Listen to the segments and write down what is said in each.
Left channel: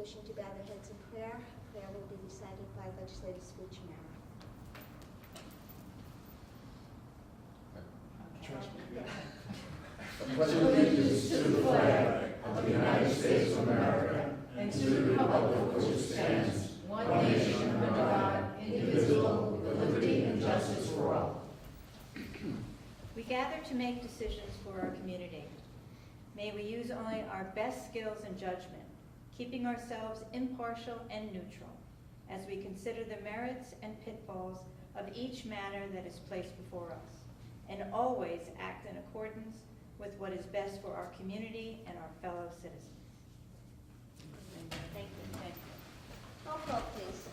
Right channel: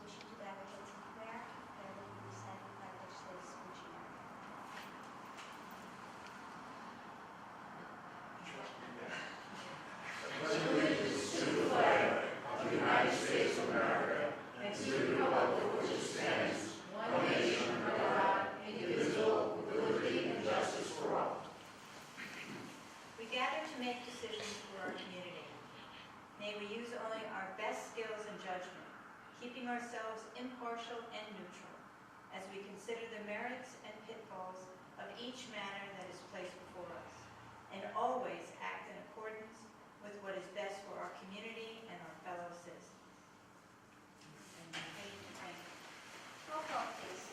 wishing to bow their heads in prayer. Prayer will be recited by legislative speech and merit. I pledge allegiance to the flag of the United States of America and to the republic which stands, one nation under God, indivisible, with liberty and justice for all. We gather to make decisions for our community. May we use only our best skills and judgment, keeping ourselves impartial and neutral as we consider the merits and pitfalls of each matter that is placed before us, and always act in accordance with what is best for our community and our fellow citizens. Thank you. Roll call, please.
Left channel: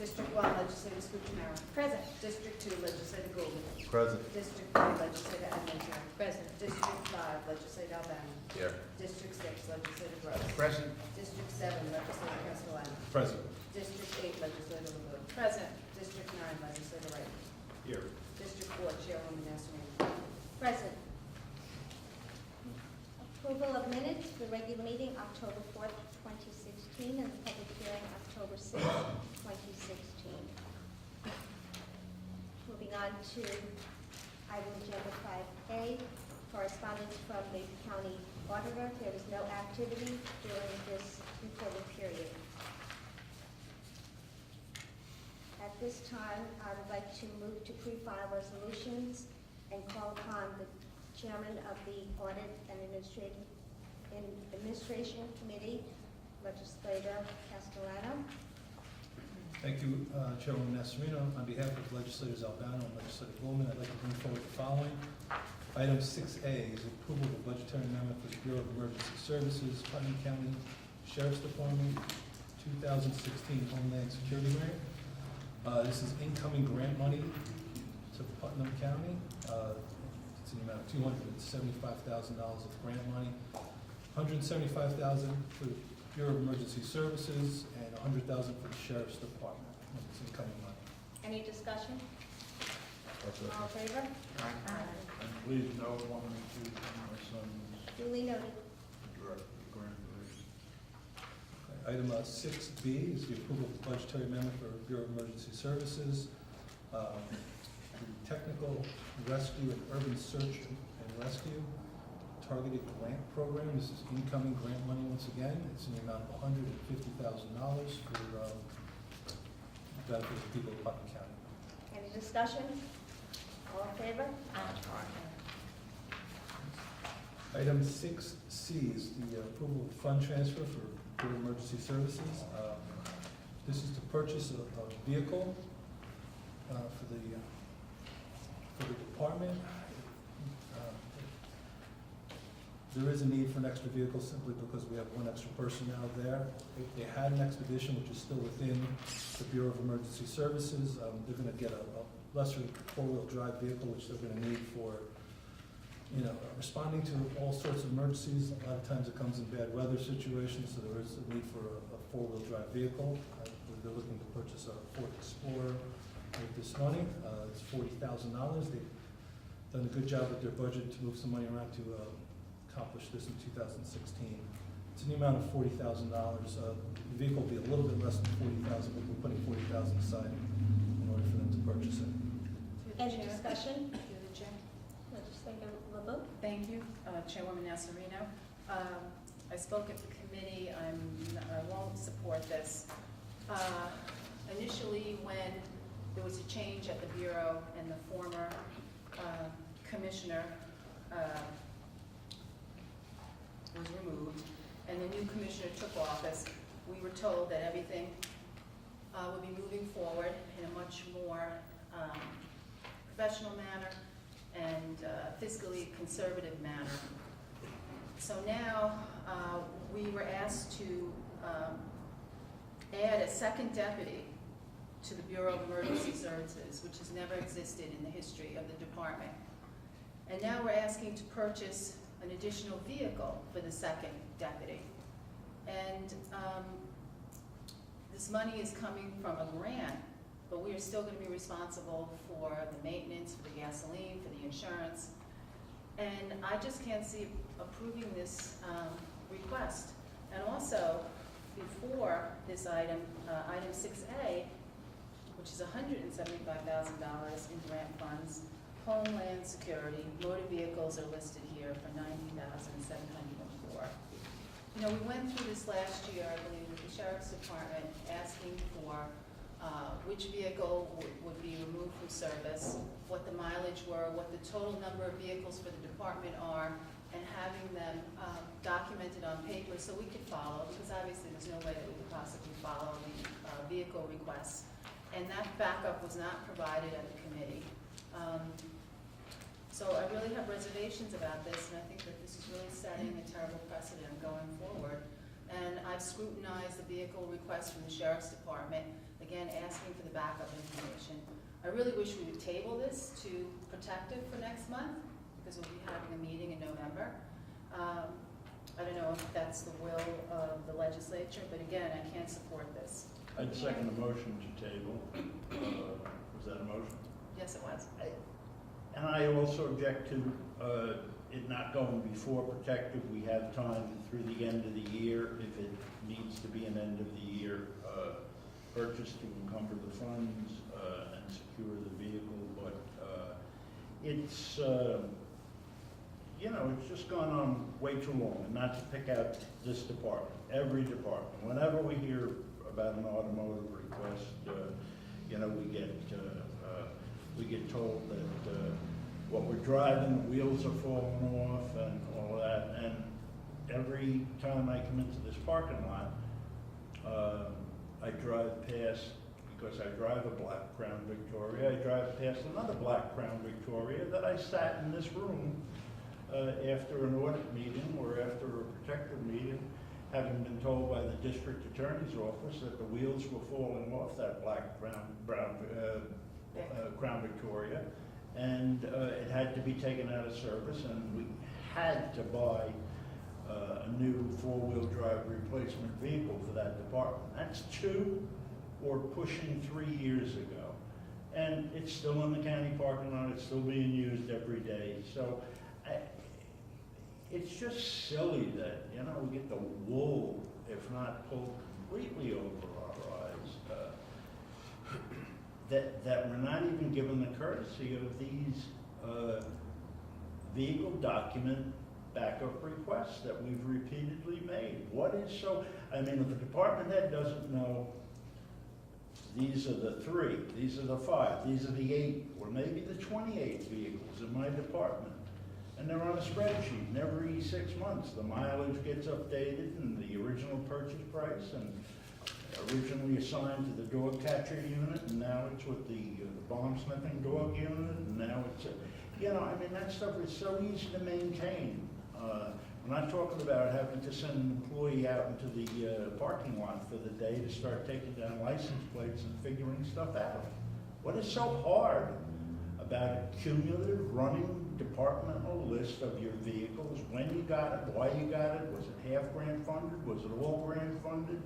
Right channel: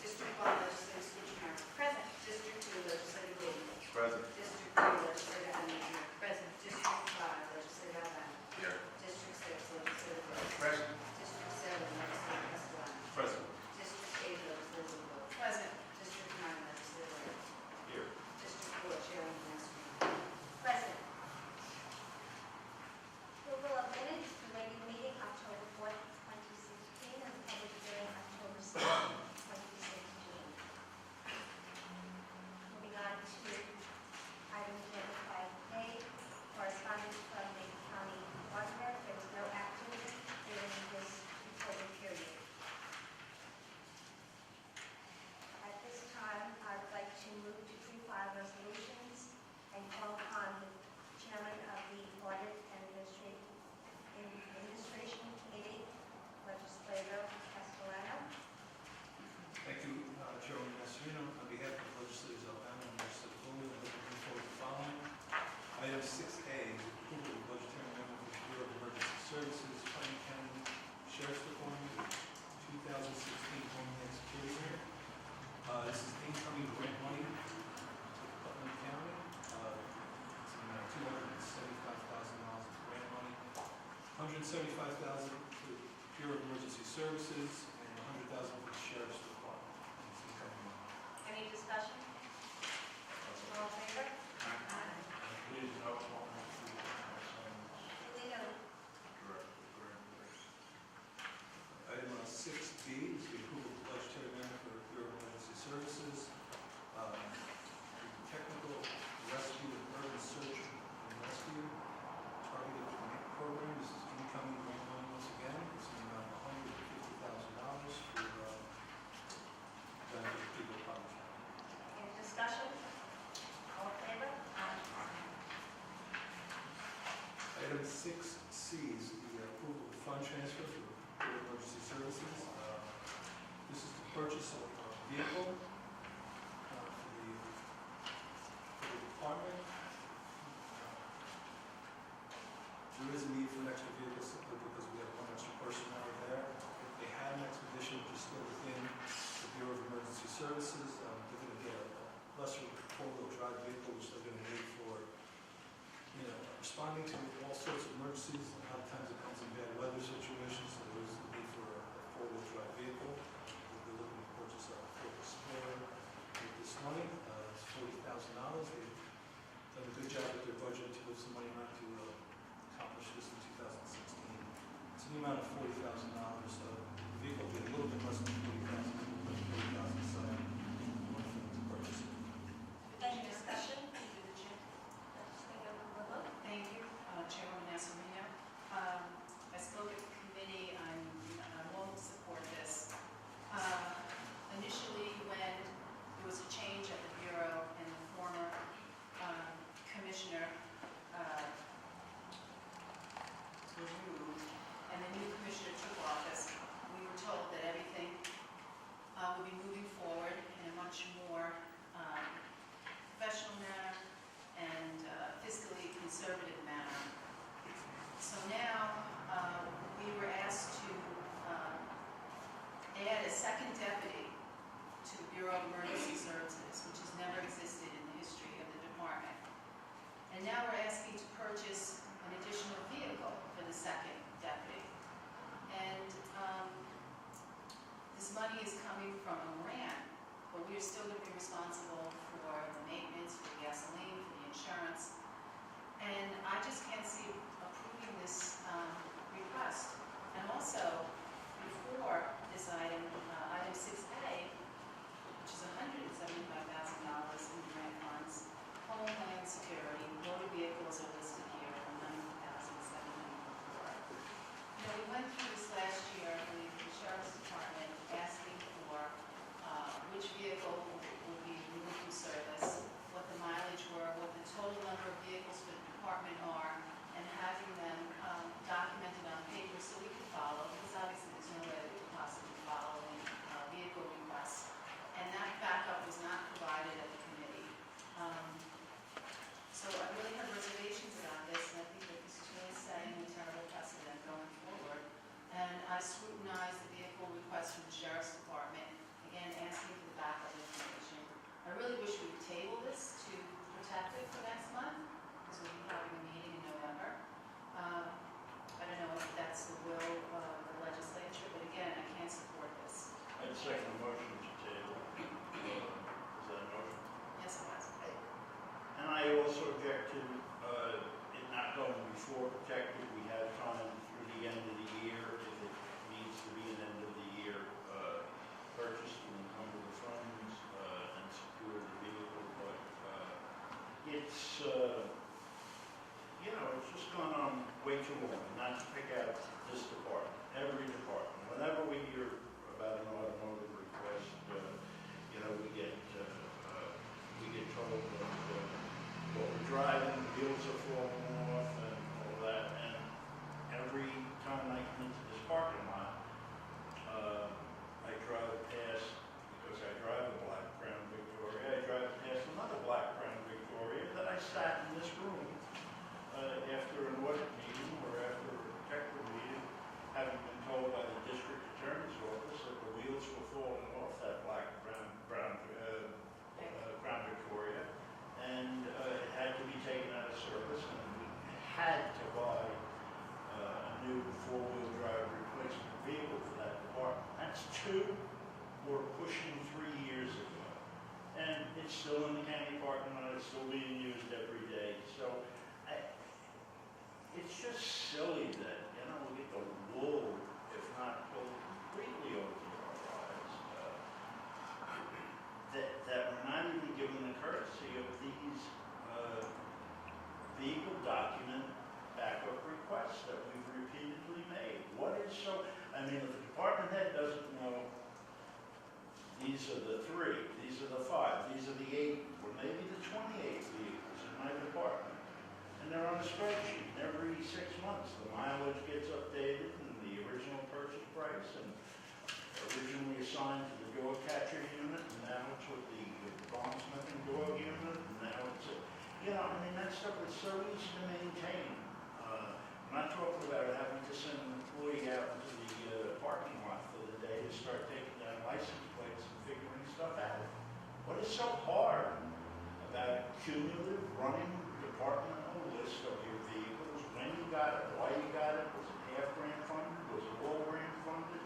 District 1, Legislative Speech Merit. Present. District 2, Legislative Gold. Present. District 3, Legislative Adamson. Present. District 5, Legislative Albano. Here. District 6, Legislative Rose. Present. District 7, Legislative Castellano. Present. District 8, Legislative Wood. Present. District 9, Legislative Wright. Here. District 4, Chairwoman Nasreen. Present. Approval of minutes, the regular meeting October 4th, 2016, and the public hearing October 6th, 2016. Moving on to item number 5A, correspondence from the county auditor. There is no activity during this reporting period. At this time, I would like to move to pre-file resolutions and call upon the chairman of the Audit and Administration Committee, Legislator Castellano. Thank you, Chairwoman Nasarino. On behalf of Legislators Albano and Legislator Bowman, I'd like to bring forward the following. Item 6A is approval of budgetary amendment for the Bureau of Emergency Services, Putnam County Sheriff's Department, 2016 Homeland Security Grant. This is incoming grant money to Putnam County. It's in $275,000 of grant money, $175,000 for the Bureau of Emergency Services, and $100,000 for the Sheriff's Department. It's incoming money. Any discussion? All in favor? Aye. Please note one or two Duly noted. Item 6B is the approval of budgetary amendment for Bureau of Emergency Services. The Technical Rescue and Urban Search and Rescue Targeted Grant Program. This is incoming grant money once again. It's in the amount of $150,000 for benefit of the people of Putnam County. Any discussion? All in favor? Item 6C is the approval of fund transfer for Bureau of Emergency Services. This is to purchase a vehicle for the department. There is a need for an extra vehicle simply because we have one extra person now there. If they had an expedition, which is still within the Bureau of Emergency Services, they're going to get a lesser four-wheel drive vehicle, which they're going to need for responding to all sorts of emergencies. A lot of times it comes in bad weather situations, so there is a need for a four-wheel drive vehicle. They're looking to purchase a Ford Explorer with this money. It's $40,000. They've done a good job with their budget to move some money around to accomplish this in 2016. It's an amount of $40,000. The vehicle will be a little bit less than $40,000, but we're putting $40,000 aside in order for them to purchase it. Any discussion? Through the chair. Legislator LeBeau? Thank you, Chairwoman Nasarino. I spoke at the committee. I won't support this. Initially, when there was a change at the Bureau and the former commissioner was removed and the new commissioner took office, we were told that everything would be moving forward in a much more professional manner and fiscally conservative manner. So now we were asked to add a second deputy to the Bureau of Emergency Services, which has never existed in the history of the department. And now we're asking to purchase an additional vehicle for the second deputy. And this money is coming from a grant, but we are still going to be responsible for the maintenance, for the gasoline, for the insurance. And I just can't see approving this request. And also, before this item, item 6A, which is $175,000 in grant funds. Homeland Security, motor vehicles are listed here for $90,704. You know, we went through this last year, I believe, with the Sheriff's Department, asking for which vehicle would be removed from service, what the mileage were, what the total number of vehicles for the department are, and having them documented on paper so we could follow, because obviously there's no way that we could possibly follow the vehicle requests. And that backup was not provided at the committee. So I really have reservations about this, and I think that this is really setting a terrible precedent going forward. And I've scrutinized the vehicle request from the Sheriff's Department, again, asking for the backup information. I really wish we would table this to protect it for next month, because we'll be having a meeting in November. I don't know if that's the will of the legislature, but again, I can't support this. I'd second the motion to table. Is that a motion? Yes, it was. And I also object to it not going before protected. We have time through the end of the year if it needs to be an end of the year purchase to encumber the funds and secure the vehicle. But it's, you know, it's just gone on way too long, not to pick out this department, every department. Whenever we hear about an automotive request, you know, we get told that what we're driving, the wheels are falling off and all that. And every time I come into this parking lot, I drive past, because I drive a black Crown Victoria, I drive past another black Crown Victoria that I sat in this room after an audit meeting or after a protective meeting, having been told by the district attorney's office that the wheels were falling off that black Crown Victoria, and it had to be taken out of service, and we had to buy a new four-wheel drive replacement vehicle for that department. That's 2 or pushing 3 years ago. And it's still in the county parking lot, it's still being used every day. So it's just silly that, you know, we get the wool, if not pulled completely over our eyes, that we're not even given the courtesy of these vehicle document backup requests that we've repeatedly made. What is so, I mean, if the department head doesn't know, these are the 3, these are the 5, these are the 8, or maybe the 28 vehicles in my department. And they're on a spreadsheet, and every 6 months, the mileage gets updated and the original purchase price, and originally assigned to the dog catcher unit, and now it's with the bone smithing dog unit, and now it's, you know, I mean, that stuff is so easy to maintain. I'm not talking about having to send an employee out into the parking lot for the day to start taking down license plates and figuring stuff out. What is so hard about a cumulative running departmental list of your vehicles, when you got it, why you got it, was it half grant funded, was it all grant funded,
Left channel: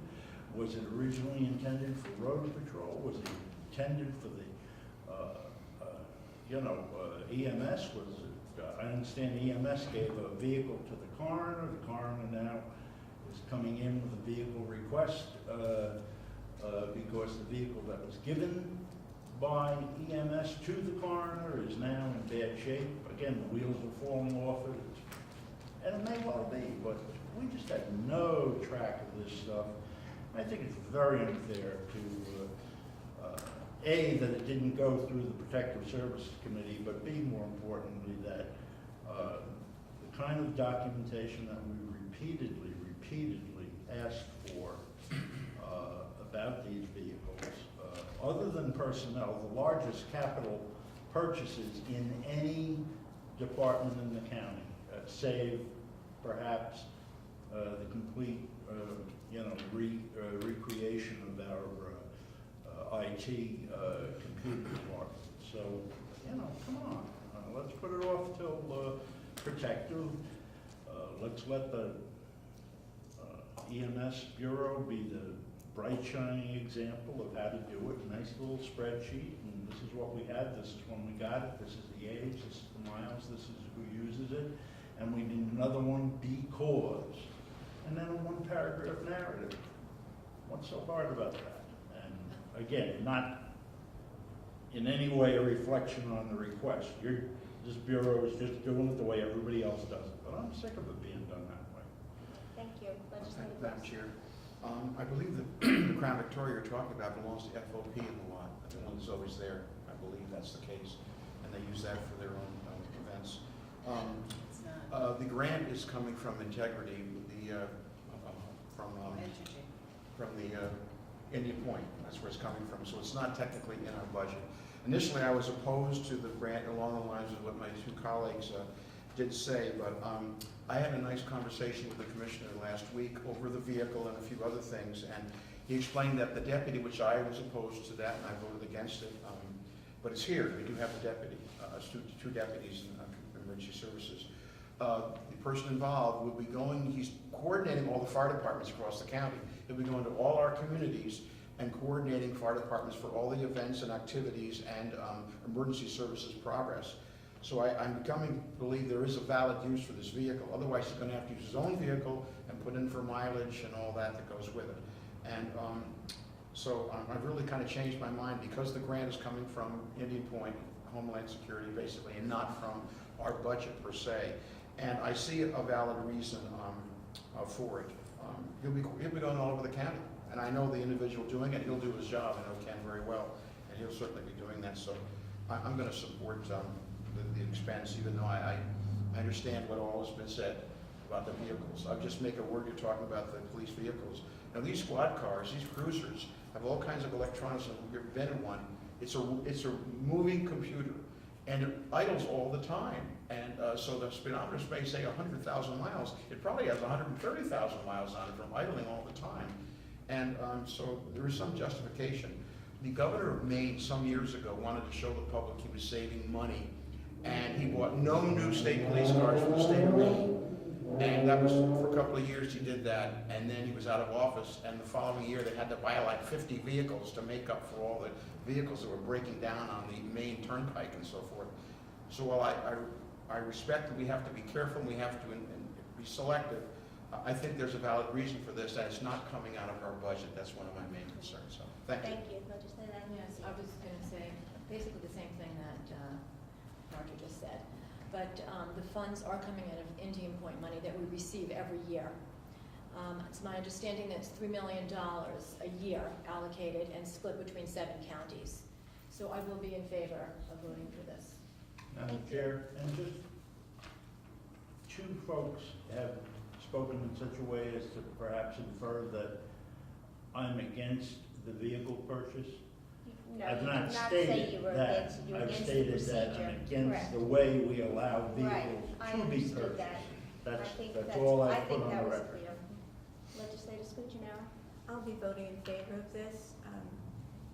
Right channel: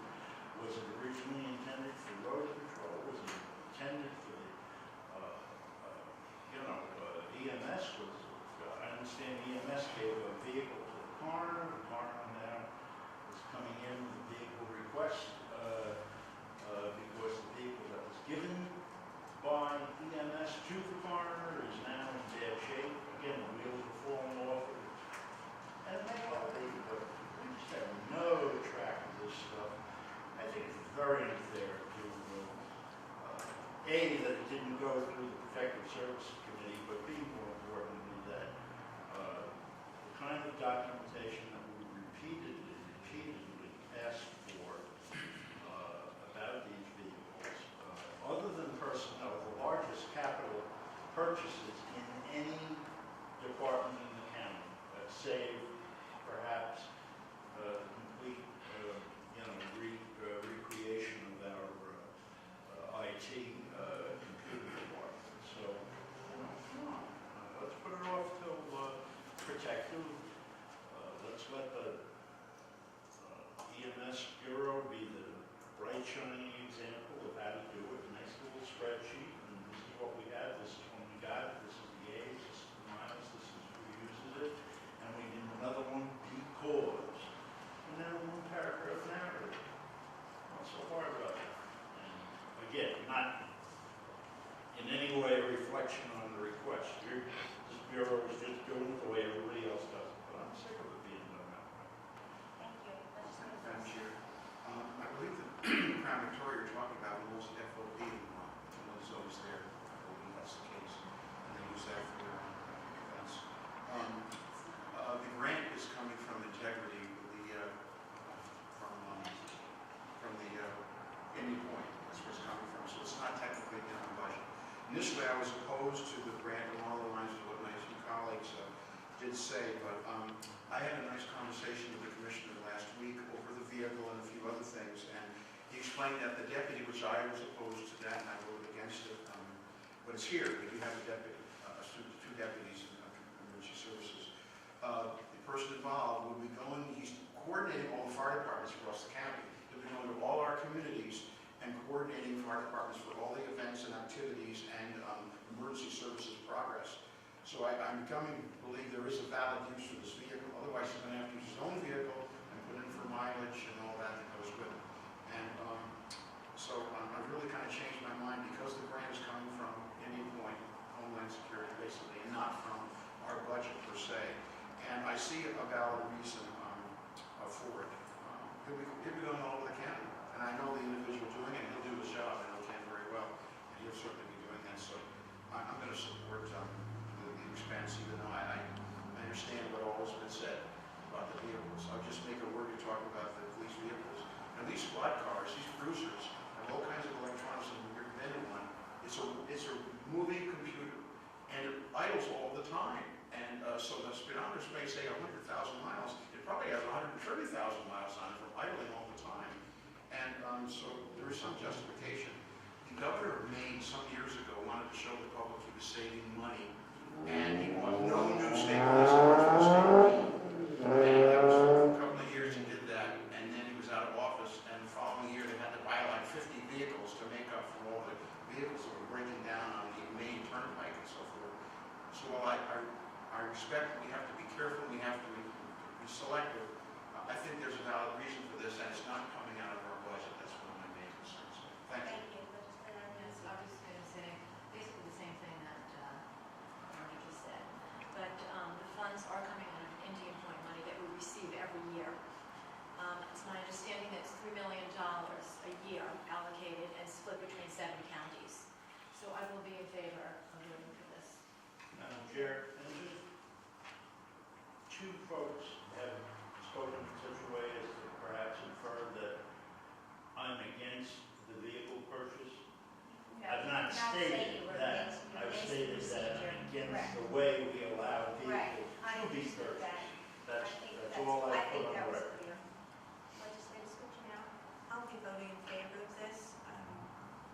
was it originally intended for road patrol, was it intended for the, EMS, was it, I understand EMS gave a vehicle to the coroner now is coming in with a vehicle request, because the vehicle that was given by EMS to the coroner is now in bad shape. Again, the wheels are falling off it. And it may well be, but we just have no track of this stuff. I think it's very unfair to, A, that it didn't go through the Protective Services Committee, but B, more importantly, that the kind of documentation that we repeatedly asked for about these vehicles, other than personnel, the largest capital purchases in any department in the county, save perhaps the complete recreation of our IT computer department. So, you know, come on, let's put it off till protective. Let's let the EMS Bureau be the bright shining example of how to do it. Nice little spreadsheet, and this is what we have, this is when we got it, this is the age, this is the miles, this is who uses it, and we need another one because. And then one paragraph narrative. What's so hard about that? And again, not in any way a reflection on the request. This bureau is just doing it the way everybody else does it, but I'm sick of it being done that way. Thank you. Legislator Madam Brooks. Chair, I believe that Crown Victoria you're talking about belongs to FOP in the law. It's always there. I believe that's the case. And they use that for their own events. It's not The grant is coming from Integrity, from the Indian Point. That's where it's coming from. So it's not technically in our budget. Initially, I was opposed to the grant along the lines of what my two colleagues did say, but I had a nice conversation with the commissioner last week over the vehicle and a few other things, and he explained that the deputy, which I was opposed to that, and I voted against it, but it's here. We do have a deputy, two deputies in emergency services. The person involved will be going, he's coordinating all the fire departments across the county. He'll be going to all our communities and coordinating fire departments for all the events and activities and emergency services progress. So I'm becoming to believe there is a valid use for this vehicle. Otherwise, he's going to have to use his own vehicle and put in for mileage and all that goes with it. And so I've really kind of changed my mind because the grant is coming from Indian Point, Homeland Security basically, and not from our budget per se. And I see a valid reason for it. He'll be going all over the county. And I know the individual doing it, he'll do his job, I know Ken very well, and he'll certainly be doing that. So I'm going to support the expense, even though I understand what all has been said about the vehicles. I'll just make a word to talk about the police vehicles. Now these squad cars, these cruisers, have all kinds of electronics. We've invented one. It's a moving computer, and it idles all the time. And so the speedometer may say 100,000 miles. It probably has 130,000 miles on it from idling all the time. And so there is some justification. The governor of Maine some years ago wanted to show the public he was saving money, and he bought no new state police cars for the state of Maine. And that was for a couple of years he did that, and then he was out of office, and the following year they had to buy like 50 vehicles to make up for all the vehicles that were breaking down on the Maine Turnpike and so forth. So while I respect that we have to be careful and we have to be selective, I think there's a valid reason for this, that it's not coming out of our budget. That's one of my main concerns. So, thank you. Thank you. Legislator Adams. Yes, I was going to say basically the same thing that Martha just said. But the funds are coming out of Indian Point money that we receive every year. It's my understanding that it's $3 million a year allocated and split between 7 counties. So I will be in favor of voting for this. Madam Chair, and just two folks have spoken in such a way as to perhaps infer that I'm against the vehicle purchase. No, I've you not did not say stated you were that. against, you were I've against the stated that procedure. I'm against Correct. the way we allow Right. vehicles I to be understood purchased. that. That's all I put on that the was record. clear. Legislator Scuccinero. I'll be voting in favor of this.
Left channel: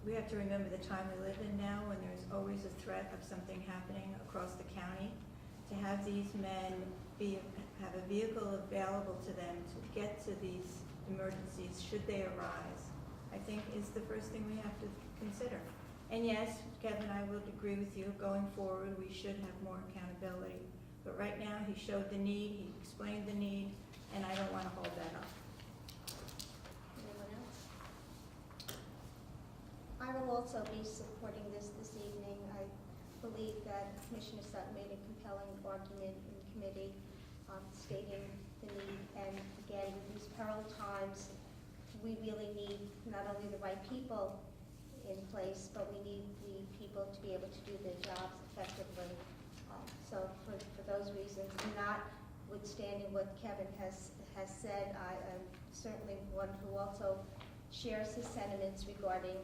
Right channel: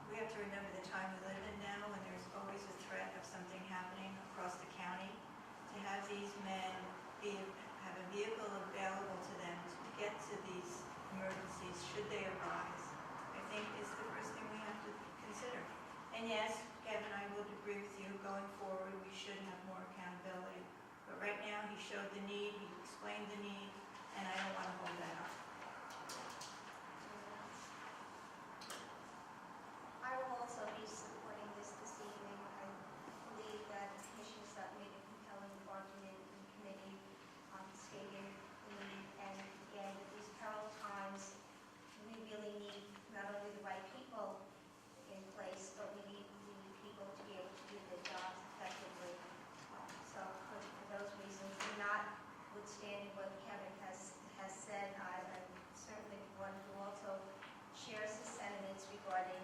We have to remember the time we live in now, when there's always a threat of something happening across the county. To have these men have a vehicle available to them to get to these emergencies should they arise, I think is the first thing we have to consider. And yes, Kevin, I would agree with you, going forward, we should have more accountability. But right now, he showed the need, he explained the need, and I don't want to hold that up. Anyone else? I will also be supporting this evening. I believe that Commissioner Sutton made a compelling argument in committee on stating the need. And again, in these peril times, we really need not only the right people in place, but we need people to be able to do their jobs effectively. So for those reasons, and notwithstanding what Kevin has said, I'm certainly one who also shares his sentiments regarding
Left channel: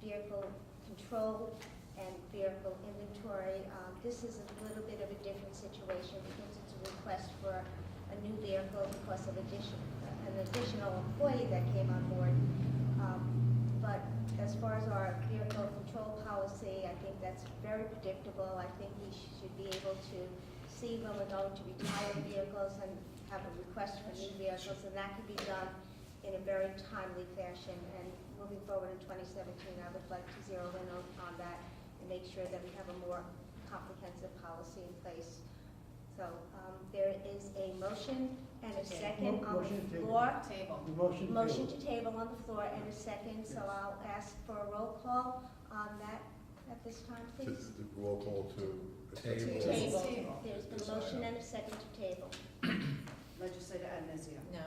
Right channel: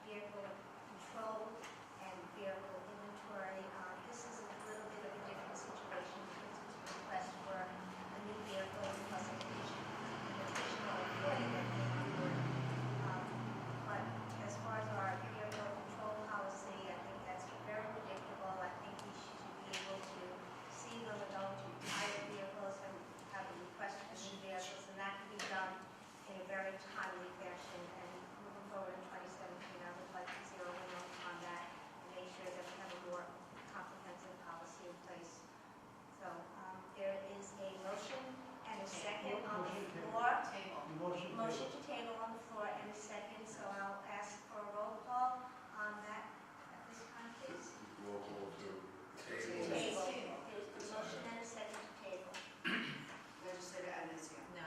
vehicle control and vehicle inventory. This is a little bit of a different situation because it's a request for a new vehicle plus an additional employee that came on board. But as far as our vehicle control policy, I think that's very predictable. I think we should be able to see when we're going to retire vehicles and have a request for new vehicles, and that could be done in a very timely fashion. And moving forward in 2017, I would like to zero in on that and make sure that we have a more comprehensive policy in place. So there is a motion and a second on the floor. Table. motion. Motion to table on the floor and a second, so I'll ask for a roll call on that at this time, please. Roll call to Table. To table. There's been a motion and a second to table. Legislator Abencio. No.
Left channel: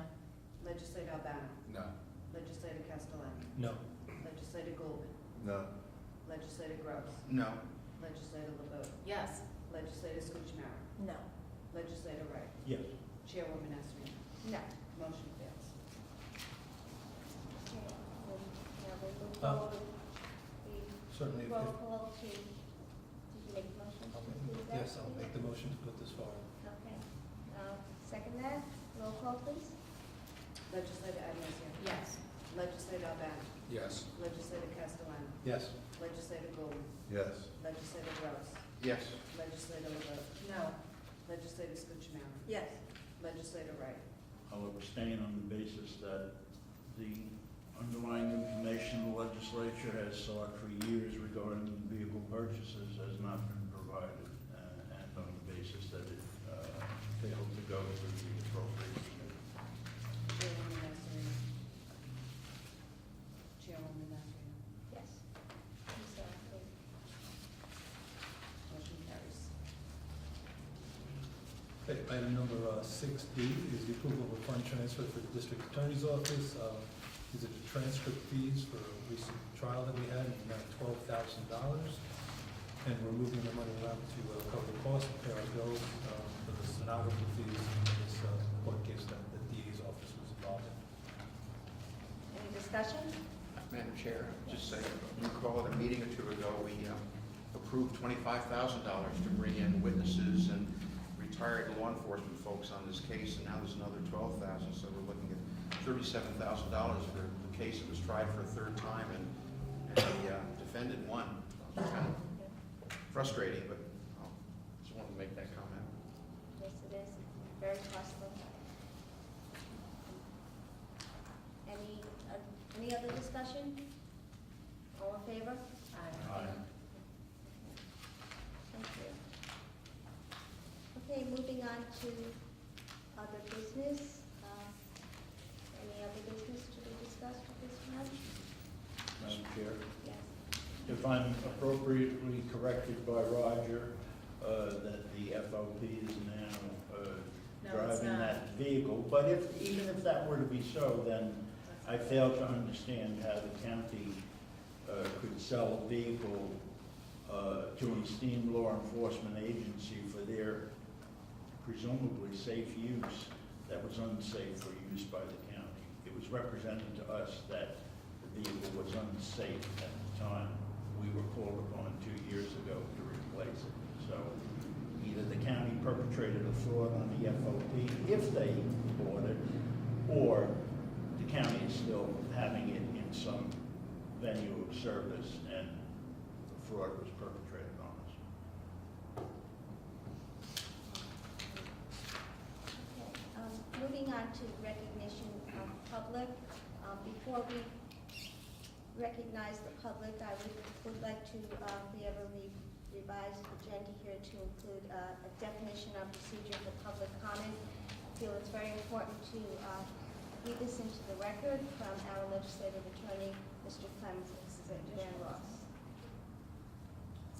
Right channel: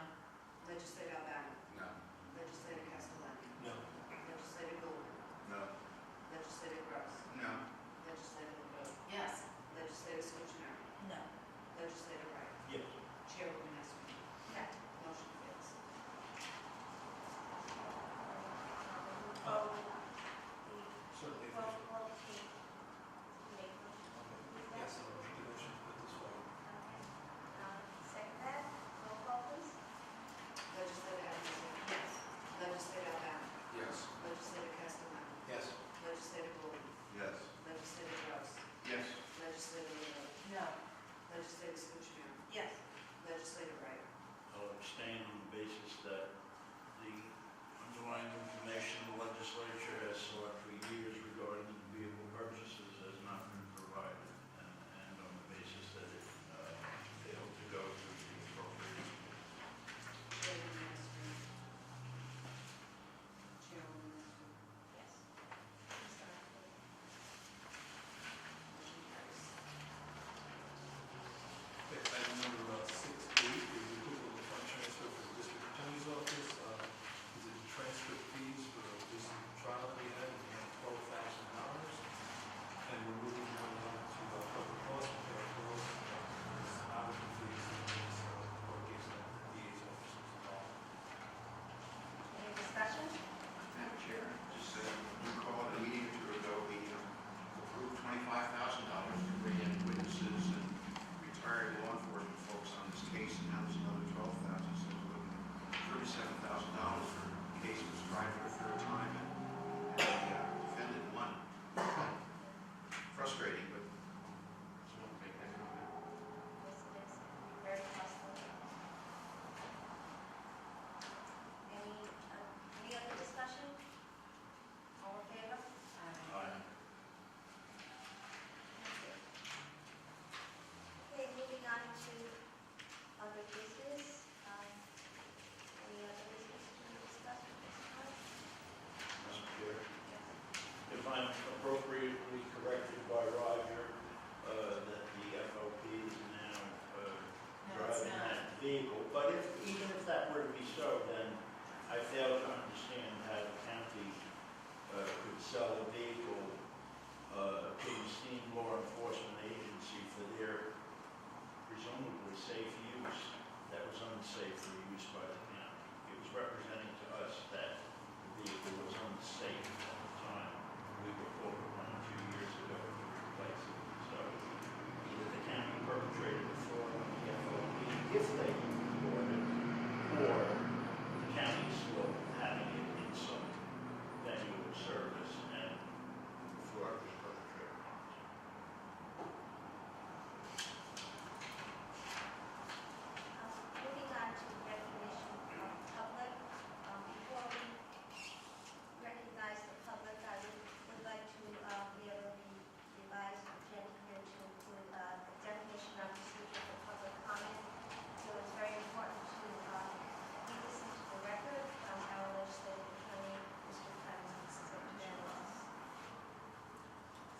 Legislator Albano. No. Legislator Castellano. No. Legislator Gould. No. Legislator Gross. No. Legislator LeBeau. Yes. Legislator Schootchmary. No. Legislator Wright. Yes. Chairwoman Esserly. No. Motion fails. Certainly, The if, roll call to make a motion. yes, I'll make the motion to put this forward. Okay. Second that, roll call please. Legislator Abencio. Yes. Legislator Albano. Yes. Legislator Castellano. Yes. Legislator Gould. Yes. Legislator Gross. Yes. Legislator LeBeau. No. Legislator Schootchmary. Yes. Legislator Wright. I'll abstain on the basis that the underlying information the legislature has sought for years regarding the vehicle purchases has not been provided, and on the basis that it failed to go to the appropriate committee. Chairwoman Esserly. Chairwoman Esserly. Yes. I'm sorry, please. Motion carries. Okay, item number 6B is the approval of a fund transfer for the district attorney's office. These are the transfer fees for a recent trial that we had, in the amount of $12,000. And we're moving them along to cover the cost of pay our bills, for the stenography fees in this court case that the DA's office was involved. Any discussion? Madam Chair, just you recall at a meeting or two ago, we approved $25,000 to bring in witnesses and retired law enforcement folks on this case, and now there's another $12,000, so we're looking at $37,000 for a case that was tried for a third time, and the defendant won. Frustrating, but just wanted to make that comment. Yes, it is. Very costly. Any other discussion? All in favor? Aye. Thank you. Okay, moving on to other business. Any other business to be discussed at this time? Madam Chair. Yes. If I'm appropriately corrected by Roger, that the FOP is now No, it's driving not. that vehicle, but even if that were to be so, then I fail to understand how the county could sell a vehicle to an esteemed law enforcement agency for their presumably safe use that was unsafe for use by the county. It was represented to us that the vehicle was unsafe at the time we were called upon 2 years ago to replace it. So either the county perpetrated a fraud on the FOP if they bought it, or the county is still having it in some venue of service and fraud was perpetrated on us. Moving on to recognition of public. Before we recognize the public, I would like to be able to revise the agenda here to include a definition of procedure for public comment. I feel it's very important to read this into the record from our legislative attorney, Mr. Clemens, Mrs. Van Ross.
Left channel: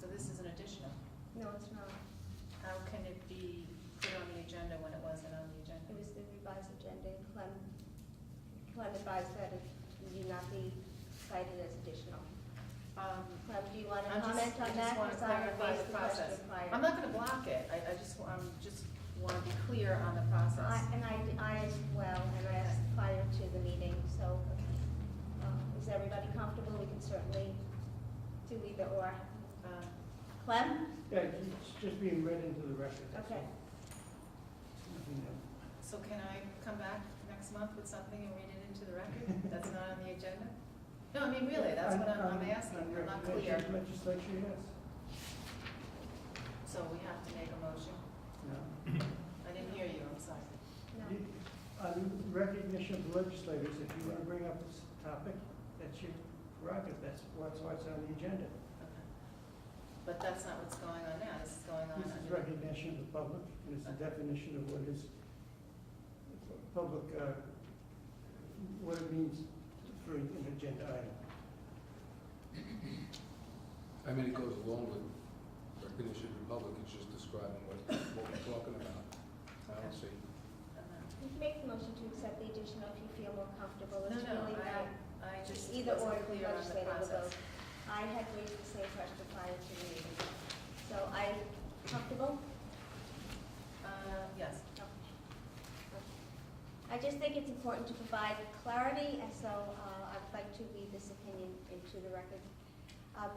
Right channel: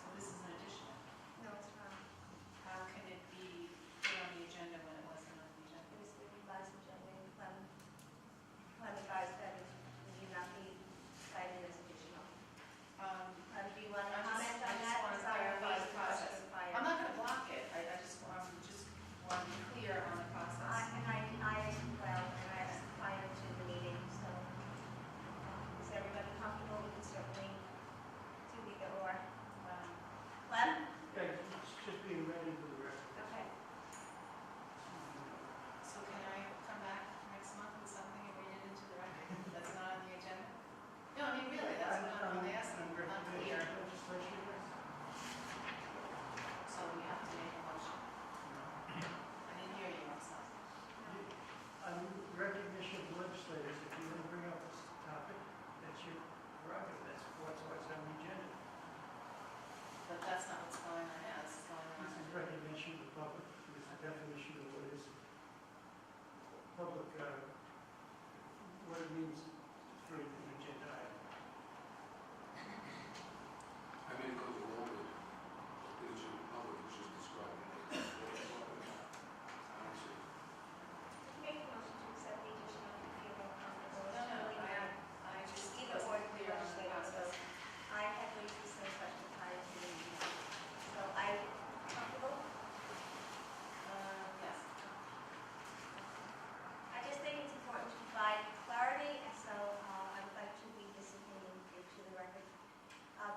So this is an additional. No, it's not. How can it be put on the agenda when it wasn't on the agenda? It was the revised agenda. Clem advised that it need not be cited as additional. Clem, do you want to I'm comment just- on I that? just wanna Because I clarify raised the question process. prior. I'm not gonna block it, I just want to be clear on the process. I as well harassed prior to the meeting, so is everybody comfortable? We can certainly do either or. Clem? Yeah, it's just being read into the record. Okay. So can I come back next month with something and read it into the record that's not on the agenda? No, I mean, really, that's what I'm asking, I'm not clear. Legislation, yes. So we have to make a motion. No. I didn't hear you, I'm sorry. On recognition of legislators, if you want to bring up this topic, that's your prerogative, that's why it's on the agenda. But that's not what's going on now, this is going on. This is recognition of the public, this is a definition of what is public, what important to provide clarity, and so I'd like to read this opinion into the record.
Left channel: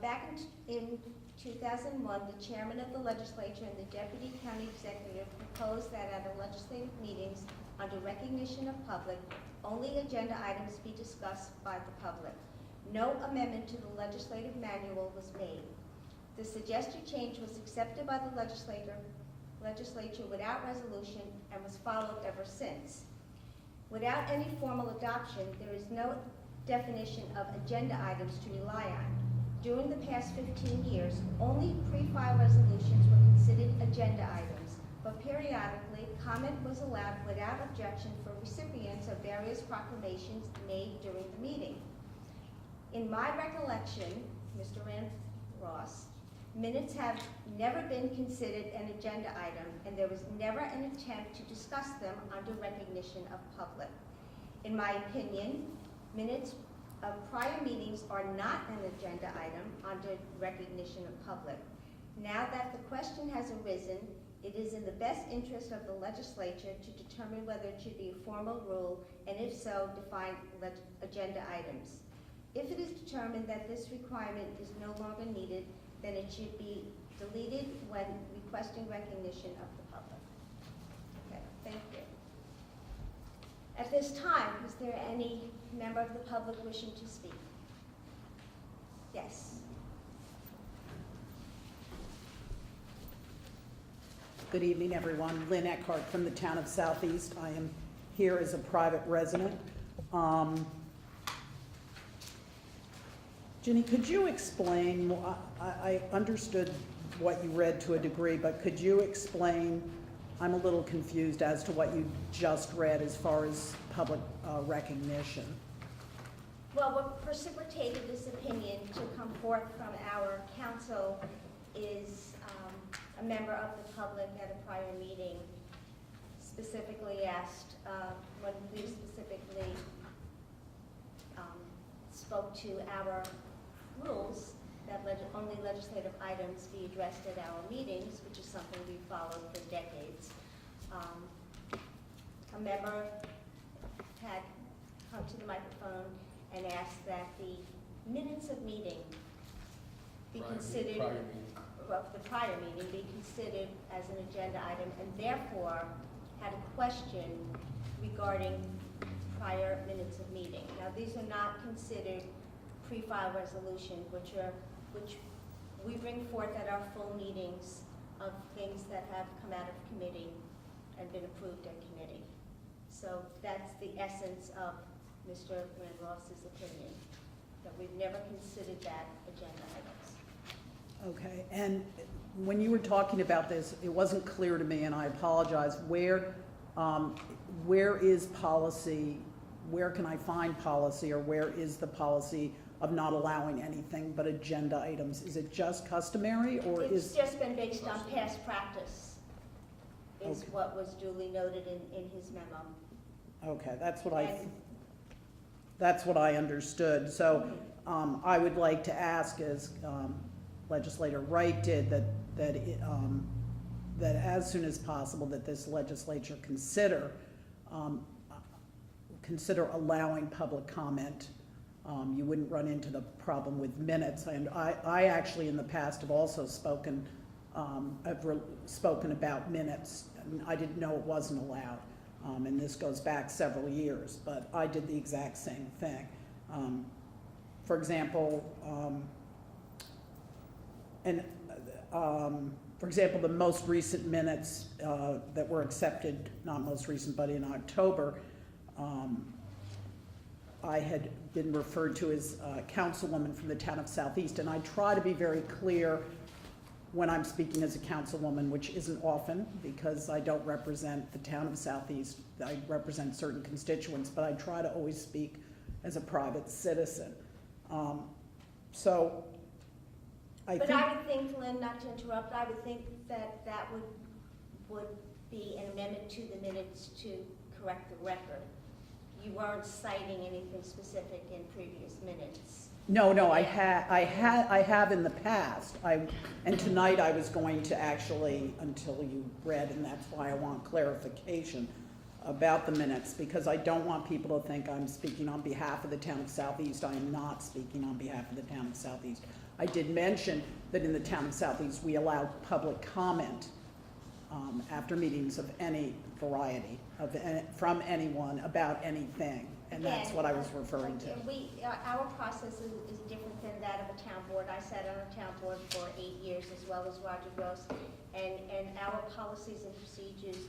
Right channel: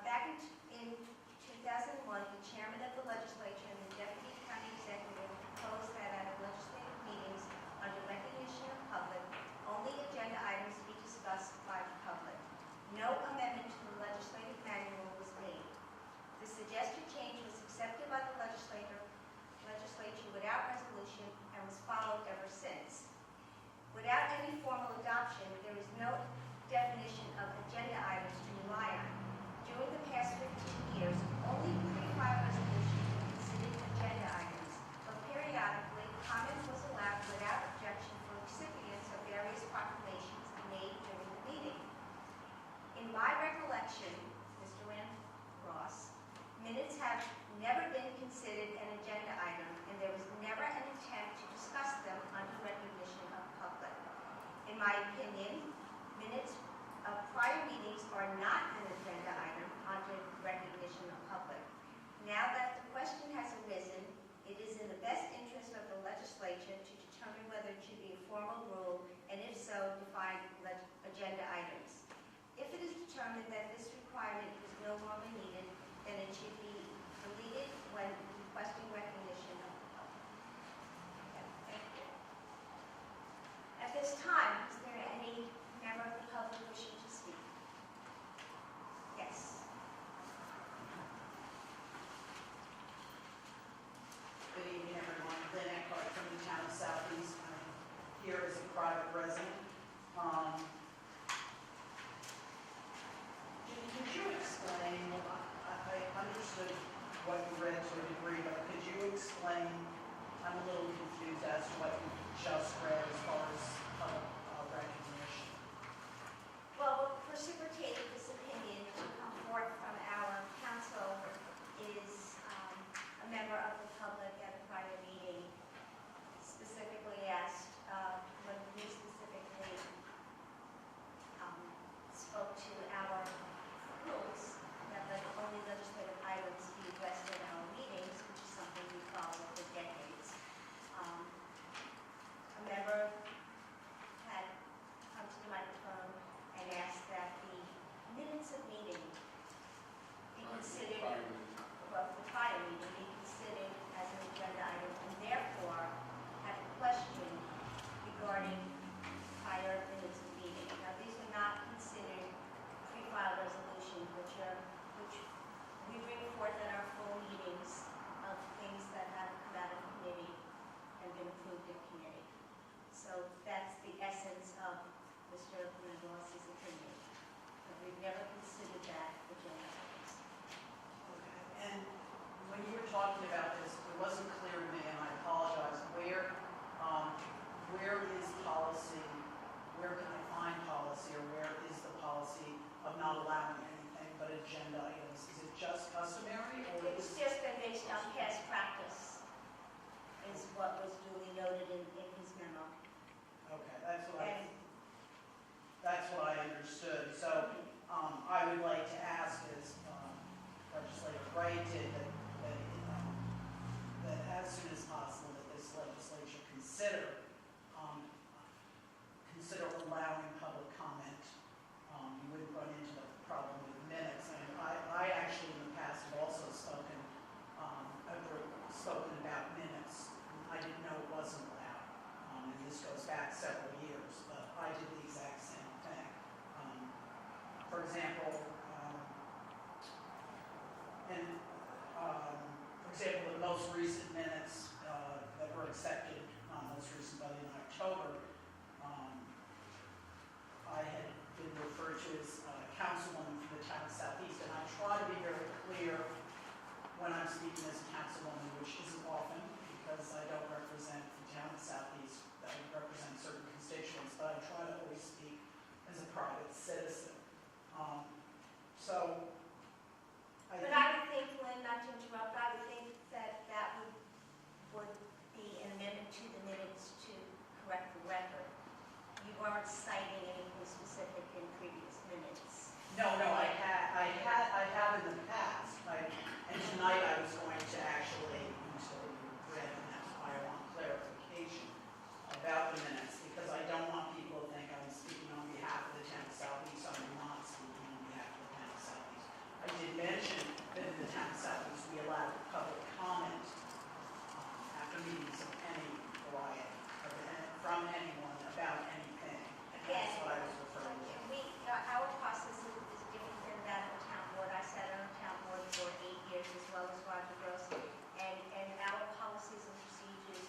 Back in 2001, the chairman of the legislature and the deputy county executive proposed that at the legislative meetings, under recognition of public, only agenda items be discussed by the public. No amendment to the legislative manual was made. The suggested change was accepted by the legislature without resolution and was followed ever since. Without any formal adoption, there is no definition of agenda items to rely on. During the past 15 years, only pre-file resolutions were considered agenda items, but periodically, comment was allowed without objection for recipients of various proclamations made during the meeting. In my recollection, Mr. Rand Ross, minutes have never been considered an agenda item, and there was never an attempt to discuss them under recognition of public. In my opinion, minutes of prior meetings are not an agenda item under recognition of public. Now that the question has arisen, it is in the best interest of the legislature to determine whether it should be a formal rule, and if so, define agenda items. If it is determined that this requirement is no longer needed, then it should be deleted when requesting recognition of the public. Okay, thank you. At this time, is there any member of the public wishing to speak? Yes. Good evening, everyone. Lynn Eckhart from the town of Southeast. I am here as a private resident. Ginny, could you explain, I understood what you read to a degree, but could you explain, I'm a little confused as to what you just read as far as public recognition. Well, what precipitated this opinion to come forth from our council is a member of the public at a prior meeting specifically asked, when we specifically spoke to our rules that only legislative items be addressed at our meetings, which is something we followed for decades. A member had come to the microphone and asked that the minutes of meeting be considered, well, the prior meeting be considered as an agenda item, and therefore had a question regarding prior minutes of meeting. Now, these are not considered pre-file resolution, which we bring forth at our full meetings of things that have come out of committee and been approved in committee. So that's the essence of Mr. Ross's opinion, but we've never considered that agenda items. Okay, and when you were talking about this, it wasn't clear to me, and I apologize, where is policy, where can I find policy, or where is the policy of not allowing anything but agenda items? Is it just customary, or It's is? just been based on past practice, is what was duly noted in his memo. Okay, that's And- what I understood. So I would like to ask, as Legislator Wright did, that as soon as possible that this legislature consider allowing public comment. You wouldn't run into the problem with minutes. And I actually in the past have also spoken about minutes. I didn't know it wasn't allowed. And this goes back several years, but I did the exact same thing. For example, the most recent minutes that were accepted, not most recent, but in October, I had been referred to as a councilwoman from the town of Southeast, and I try to be very clear when I'm speaking as a councilwoman, which isn't often because I don't represent the town of Southeast. I represent certain constituents, but I try to always speak as a private citizen. But I would think, Lynn, not to interrupt, I would think that that would be an amendment to the minutes to correct the record. You weren't citing anything specific in previous minutes. No, I have in the past. And tonight I was going to actually, until you read, and that's why I want clarification, about the minutes, because I don't want people to think I'm speaking on behalf of the town of Southeast. I am not speaking on behalf of the town of Southeast. I did mention that in the town of Southeast, we allow public comment after meetings of any variety, from anyone about anything, and that's what I was referring to. Okay, our process is different than that of a town board. I sat on a town board for 8 years as well as Roger Gross, and our policies and procedures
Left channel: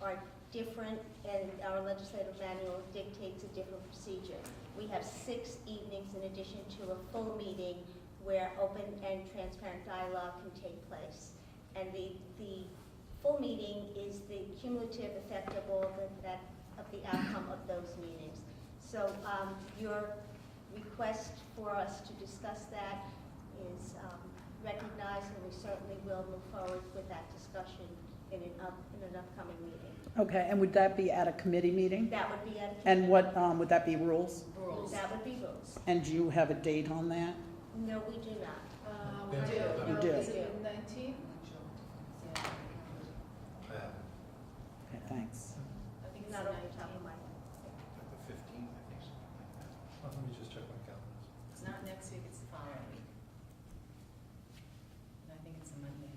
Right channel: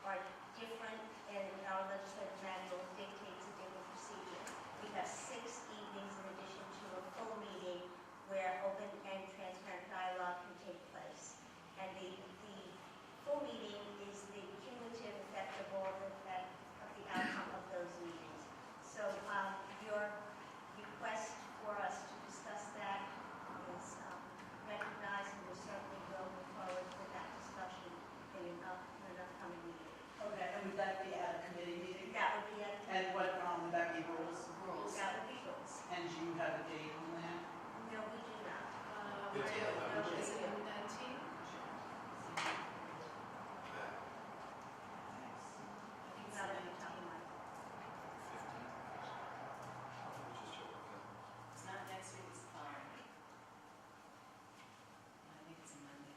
are different, and our legislative manual dictates a different procedure. We have 6 evenings in addition to a full meeting where open and transparent dialogue can take place. And the full meeting is the cumulative effect of all of the outcome of those meetings. So your request for us to discuss that is recognized, and we certainly will move forward with that discussion in an upcoming meeting. Okay, and would that be at a committee meeting? That would be And what, would that be rules? Rules. that would be rules. And do you have a date on that? No, we do not. I do. You do. Is it the 19th? Okay, thanks. I think Not so. what you're talking about. 15th. Let me just check with the calendar. It's not next week, it's the following week. I think it's a Monday.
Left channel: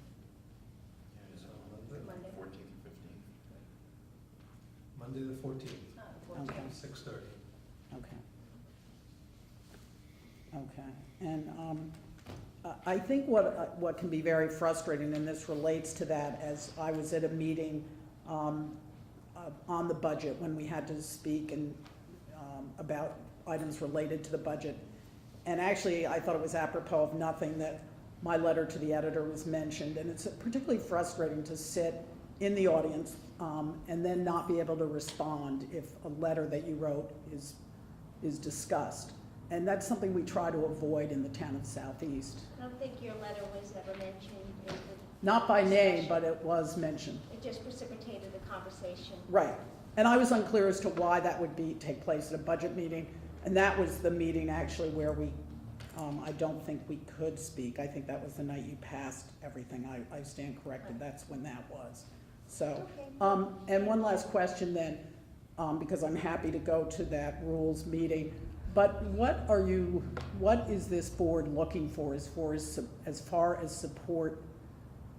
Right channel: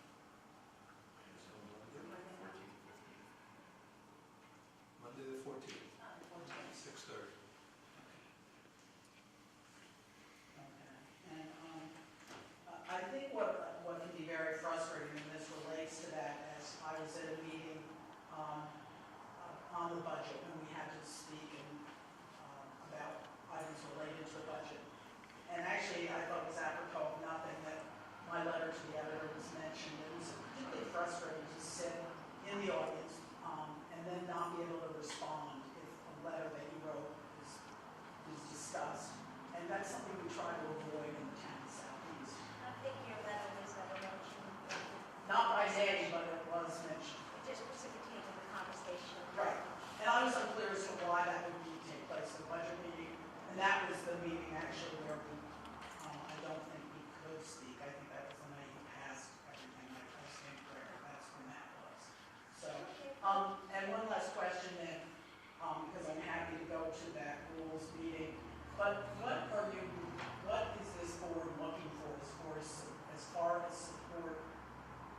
Monday. 14th, 15th. Monday the 14th, Okay. 6:30. Okay. Okay, and I think what can be very frustrating, and this relates to that, as I was at a meeting on the budget when we had to speak and about items related to the budget. And actually, I thought it was apropos of nothing that my letter to the editor was mentioned, and it's particularly frustrating to sit in the audience and then not be able to respond if a letter that you wrote is discussed. And that's something we try to avoid in the town of Southeast. I don't think your letter was ever mentioned. Not by name, but it was mentioned. It just precipitated the conversation. Right. And I was unclear as to why that would take place at a budget meeting. And that was the meeting actually where I don't think we could speak. I think that was the night you passed everything. I stand corrected. That's when that was. So, Okay. and one last question then, because I'm happy to go to that rules meeting. But what is this board looking for as far as support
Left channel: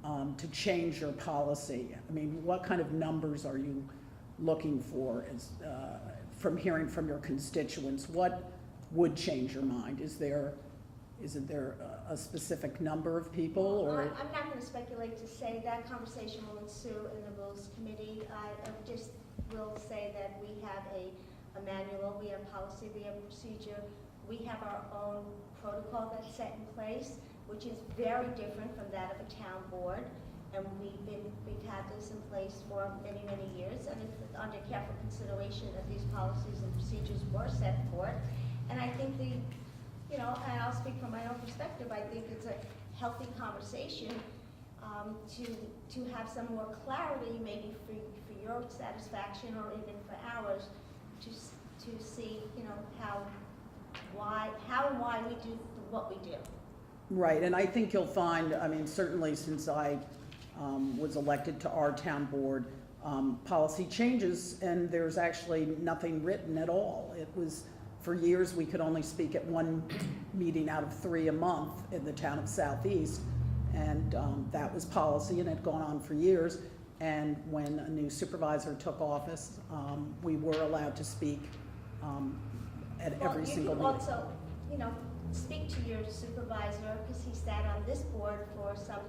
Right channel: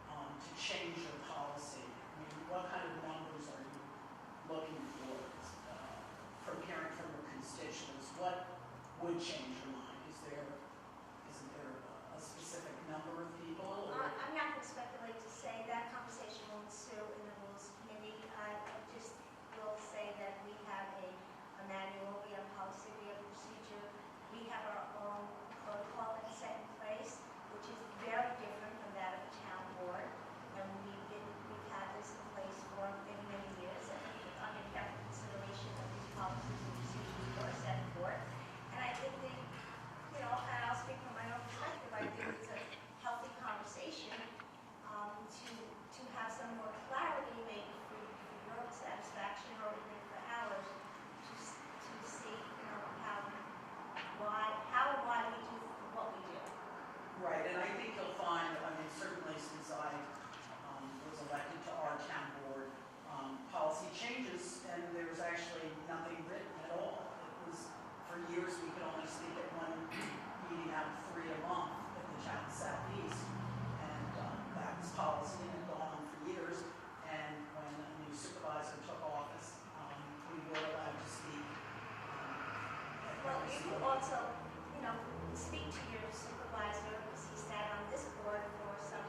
to change your policy? I mean, what kind of numbers are you looking for from hearing from your constituents? What would change your mind? Isn't there a specific number of people, or? I'm not going to speculate to say that conversation will ensue in the Rules Committee. I just will say that we have a manual, we have policy, we have procedure, we have our own protocol that's set in place, which is very different from that of a town board. And we've had this in place for many, many years, and under careful consideration of these policies and procedures were set forth. And I think and I'll speak from my own perspective, I think it's a healthy conversation to have some more clarity, maybe for your satisfaction or even for ours, to see, how and why we do what we do. Right, and I think you'll find, I mean, certainly since I was elected to our town board, policy changes, and there's actually nothing written at all. It was, for years, we could only speak at one meeting out of 3 a month in the town of Southeast, and that was policy, and it had gone on for years. And when a new supervisor took office, we were allowed to speak at every single Well, meeting. you can also, speak to your supervisor, because he sat on this board for some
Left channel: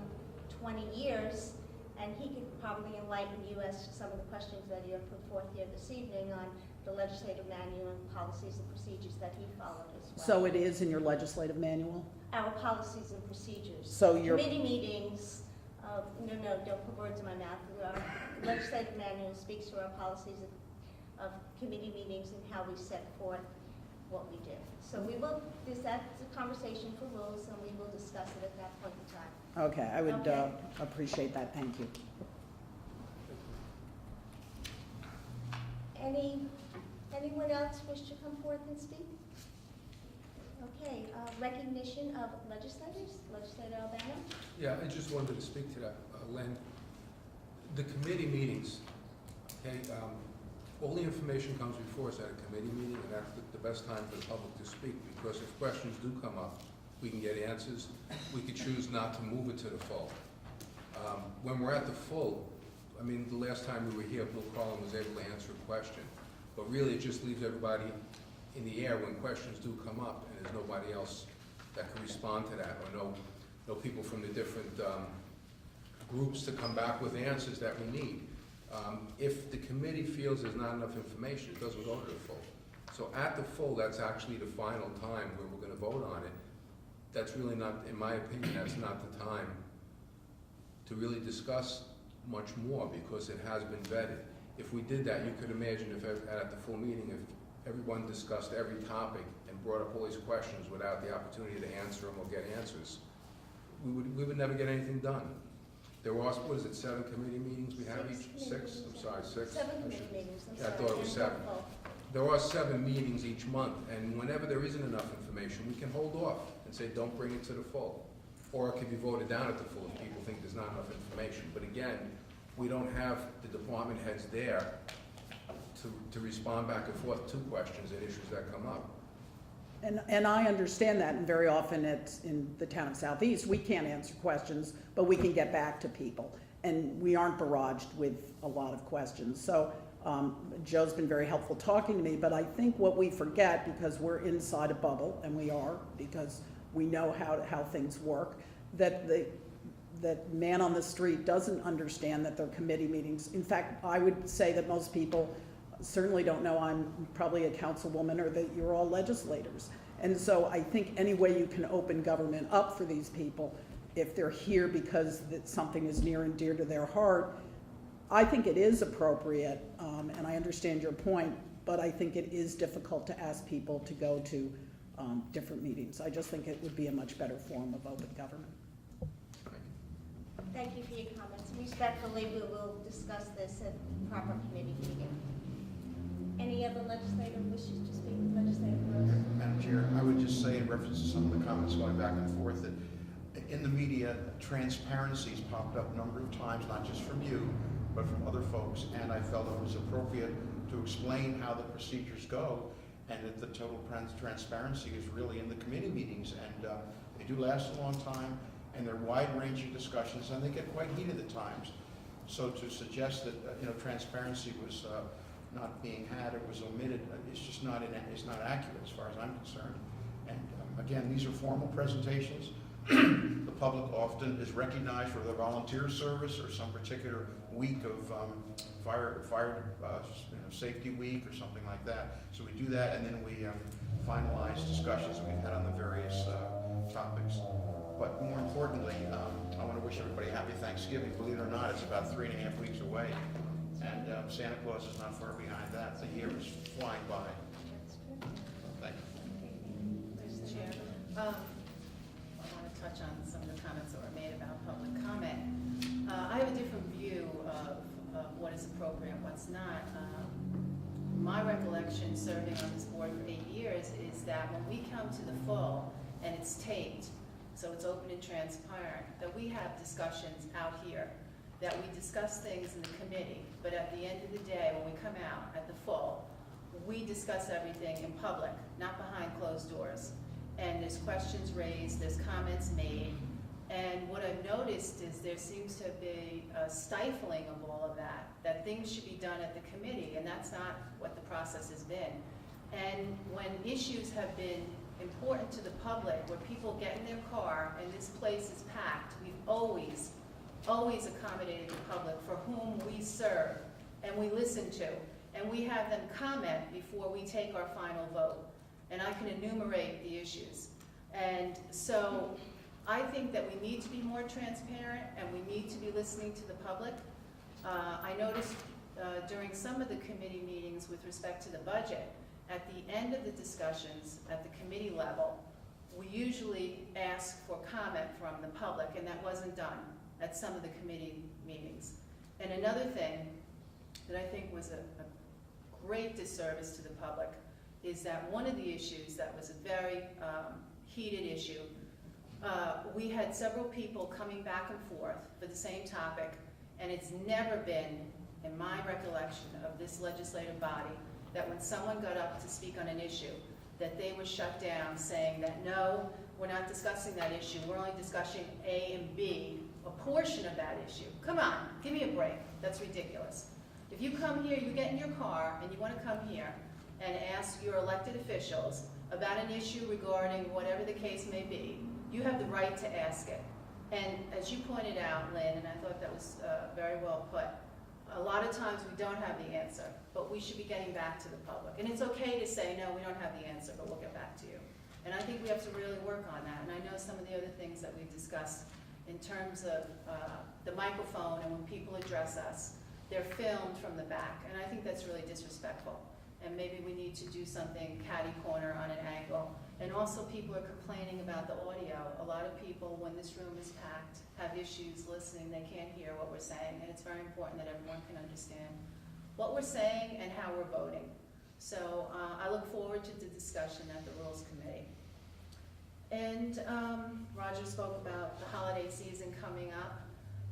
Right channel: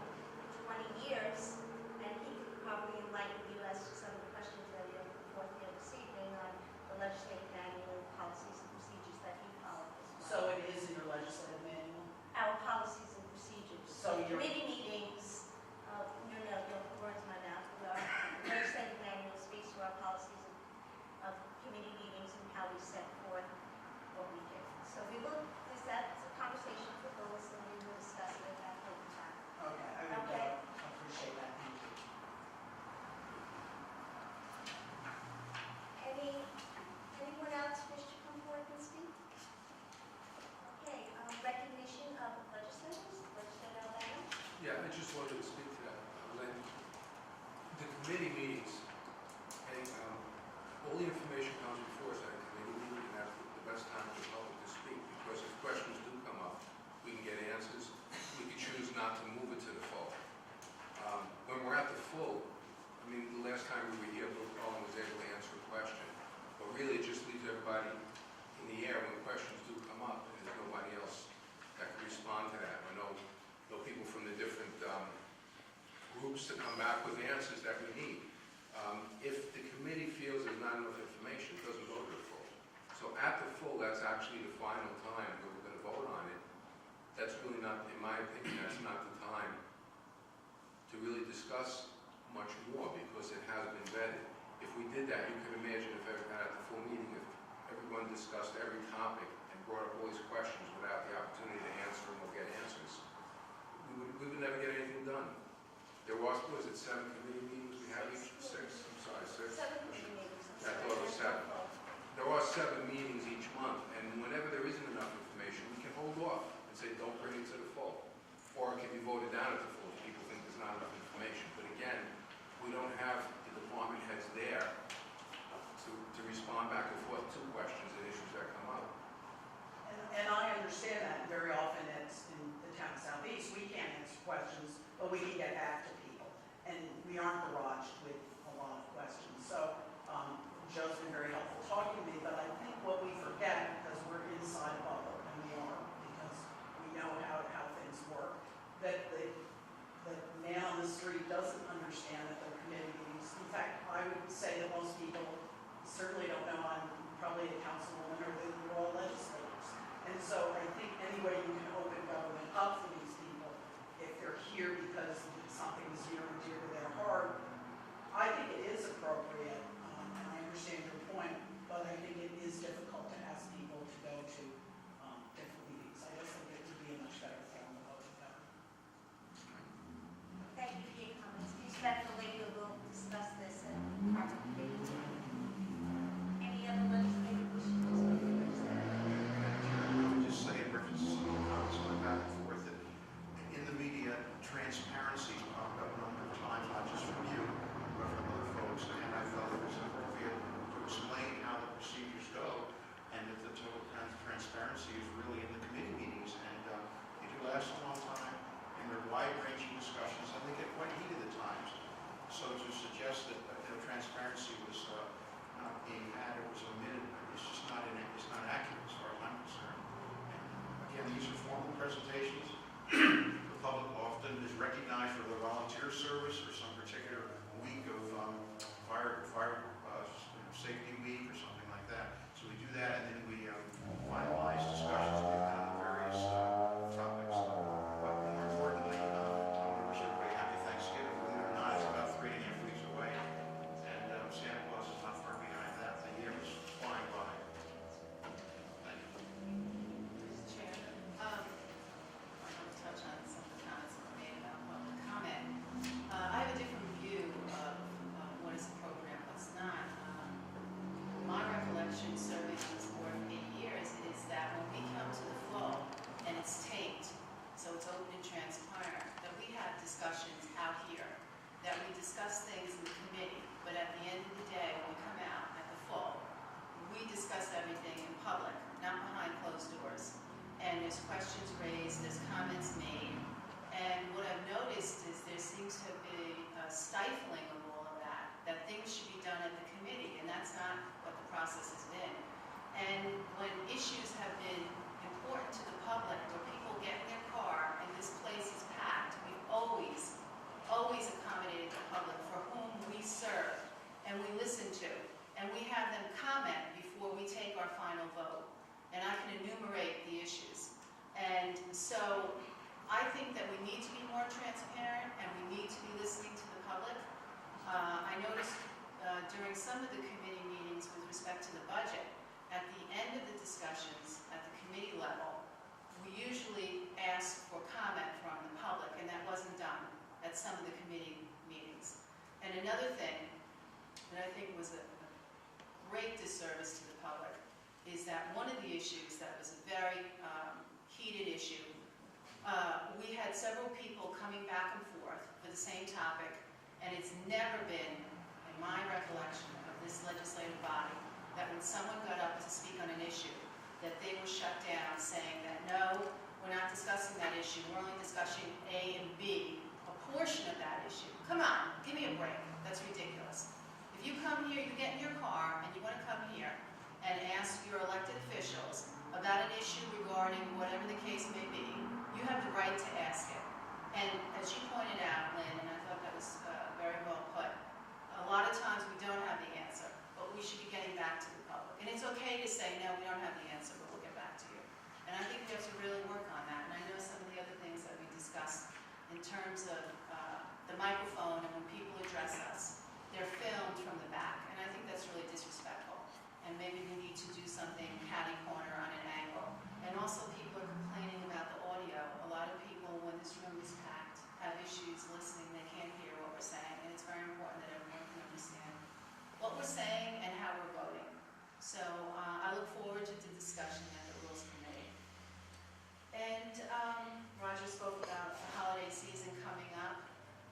20 years, and he could probably enlighten you as to some of the questions that you have put forth here this evening on the legislative manual and policies and procedures that he followed as well. So it is in your legislative manual? Our policies and procedures. So your Committee meetings, don't put words in my mouth. Our legislative manual speaks to our policies of committee meetings and how we set forth what we did. So that's a conversation for rules, and we will discuss it at that point in time. Okay, I would Okay. appreciate that, thank you. Anyone else wish to come forward and speak? Okay, recognition of legislators, Legislator Albano. Yeah, I just wanted to speak to that, Len. The committee meetings, okay, all the information comes before us at a committee meeting, and that's the best time for the public to speak, because if questions do come up, we can get answers. We could choose not to move it to the full. When we're at the full, I mean, the last time we were here, Bill Collin was able to answer a question, but really it just leaves everybody in the air when questions do come up, and there's nobody else that can respond to that, or no people from the different groups to come back with answers that we need. If the committee feels there's not enough information, it doesn't go to the full. So at the full, that's actually the final time where we're going to vote on it. That's really not, in my opinion, that's not the time to really discuss much more, because it has been vetted. If we did that, you could imagine if at the full meeting, if everyone discussed every topic and brought up all these questions without the opportunity to answer them or get answers, we would never get anything done. There was, what is it, 7 committee meetings we have each? 6? I'm sorry, 6? 7 committee meetings. Yeah, I thought it was 7. There are 7 meetings each month, and whenever there isn't enough information, we can hold off and say, don't bring it to the full. Or it can be voted down at the full if people think there's not enough information. But again, we don't have the department heads there to respond back and forth to questions and issues that come up. And I understand that, and very often it's in the town of Southeast, we can't answer questions, but we can get back to people. And we aren't barraged with a lot of questions. So Joe's been very helpful talking to me, but I think what we forget, because we're inside a bubble, and we are, because we know how things work, that the man on the street doesn't understand that they're committee meetings. In fact, I would say that most people certainly don't know I'm probably a councilwoman, or that you're all legislators. And so I think any way you can open government up for these people, if they're here because something is near and dear to their heart, I think it is appropriate, and I understand your point, but I think it is difficult to ask people to go to different meetings. I just think it would be a much better form of open government. Thank you for your comments. Respectfully, we will discuss this at proper committee meeting. Any other legislative wishes to speak? Madam Chair, I would just say in reference to some of the comments going back and forth that in the media, transparency's popped up a number of times, not just from you, but from other folks, and I felt it was appropriate to explain how the procedures go, and that the total transparency is really in the committee meetings, and they do last a long time, and they're wide-ranging discussions, and they get quite heated at times. So to suggest that transparency was not being had, it was omitted, it's just not accurate as far as I'm concerned. And again, these are formal presentations. The public often is recognized for their volunteer service or some particular week of fire safety week or something like that. So we do that, and then we finalize discussions we've had on the various topics. But more importantly, I want to wish everybody happy Thanksgiving. Believe it or not, it's about 3.5 weeks away, and Santa Claus is not far behind that. The year is flying by. Thank you. Mr. Chair, I want to touch on some of the comments that were made about public comment. I have a different view of what is appropriate and what's not. My recollection, serving on this board for 8 years, is that when we come to the full and it's taped, so it's open and transparent, that we have discussions out here, that we discuss things in the committee, but at the end of the day, when we come out at the full, we discuss everything in public, not behind closed doors. And there's questions raised, there's comments made, and what I've noticed is there seems to be a stifling of all of that things should be done at the committee, and that's not what the process has been. And when issues have been important to the public, or people get in their car and this place is packed, we've always accommodated the public for whom we serve and we listen to. And we have them comment before we take our final vote. And I can enumerate the issues. And so I think that we need to be more transparent and we need to be listening to the public. I noticed during some of the committee meetings with respect to the budget, at the end of the discussions at the committee level, we usually ask for comment from the public, and that wasn't done at some of the committee meetings. And another thing that I think was a great disservice to the public is that one of the issues that was a very heated issue, we had several people coming back and forth for the same topic, and it's never been, in in my recollection of this legislative body, that when someone got up to speak on an issue, that they were shut down saying that, no, we're not discussing that issue, we're only discussing A and B, a portion of that issue. Come on, give me a break, that's ridiculous. If you come here, you get in your car and you want to come here and ask your elected officials about an issue regarding whatever the case may be, you have the right to ask it. And as you pointed out, Lynn, and I thought that was very well put, a lot of times we don't have the answer, but we should be getting back to the public. And it's okay to say, no, we don't have the answer, but we'll get back to you. And I think we have to really work on that. And I know some of the other things that we discussed in terms of the microphone, and when people address us, they're filmed from the back. And I think that's really disrespectful. And maybe we need to do something catty corner on an angle. And also people are complaining about the audio. A lot of people, when this room is packed, have issues listening. They can't hear what we're saying. And it's very important that everyone can understand what we're saying and how we're voting. So I look forward to the discussion at the Rules Committee. And Roger spoke about the holiday season coming up.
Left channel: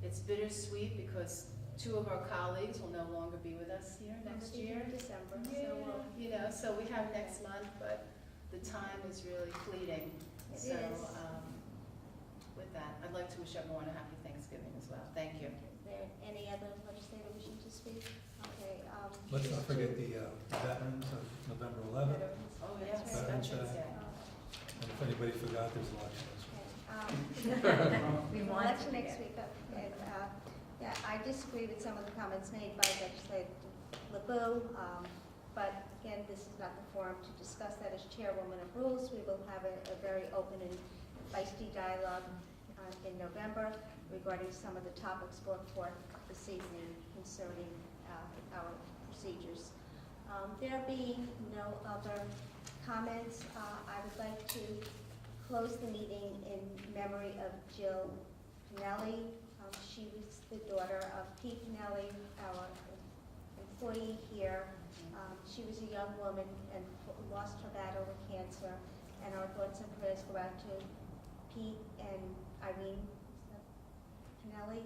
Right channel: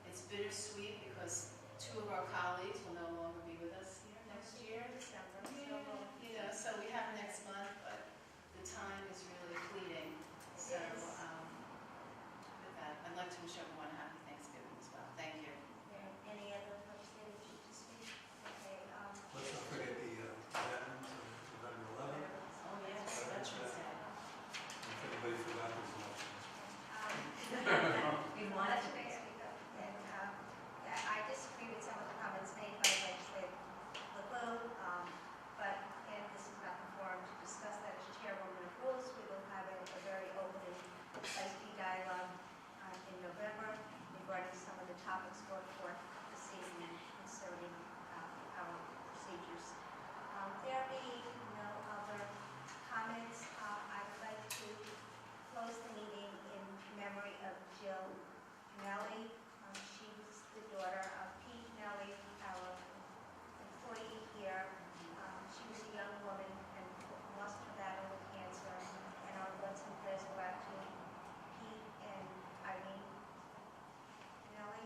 It's bittersweet because two of our colleagues will no longer be with us here next year. December, Yeah, so you know, so we have next month, but the time is really fleeting. So Yes. with that, I'd like to wish everyone a happy Thanksgiving as well. Thank you. is there any other legislative wishing to speak? Okay, Let's not forget the Veterans of November 11th, Oh, yes, Veterans Veterans Day. Day. and if anybody forgot, there's a lot of things. We Well, want that's to next week, and, yeah, I disagree with some of the comments made by legislator LeBeau, but again, this is not the forum to discuss that. As chairwoman of rules, we will have a very open and feisty dialogue in November regarding some of the topics brought forth this evening concerning our procedures. There being no other comments, I would like to close the meeting in memory of Jill Pinelli. She was the daughter of Pete Pinelli, our employee here. She was a young woman and lost her battle with cancer, and our thoughts and prayers go out to Pete and Irene Pinelli.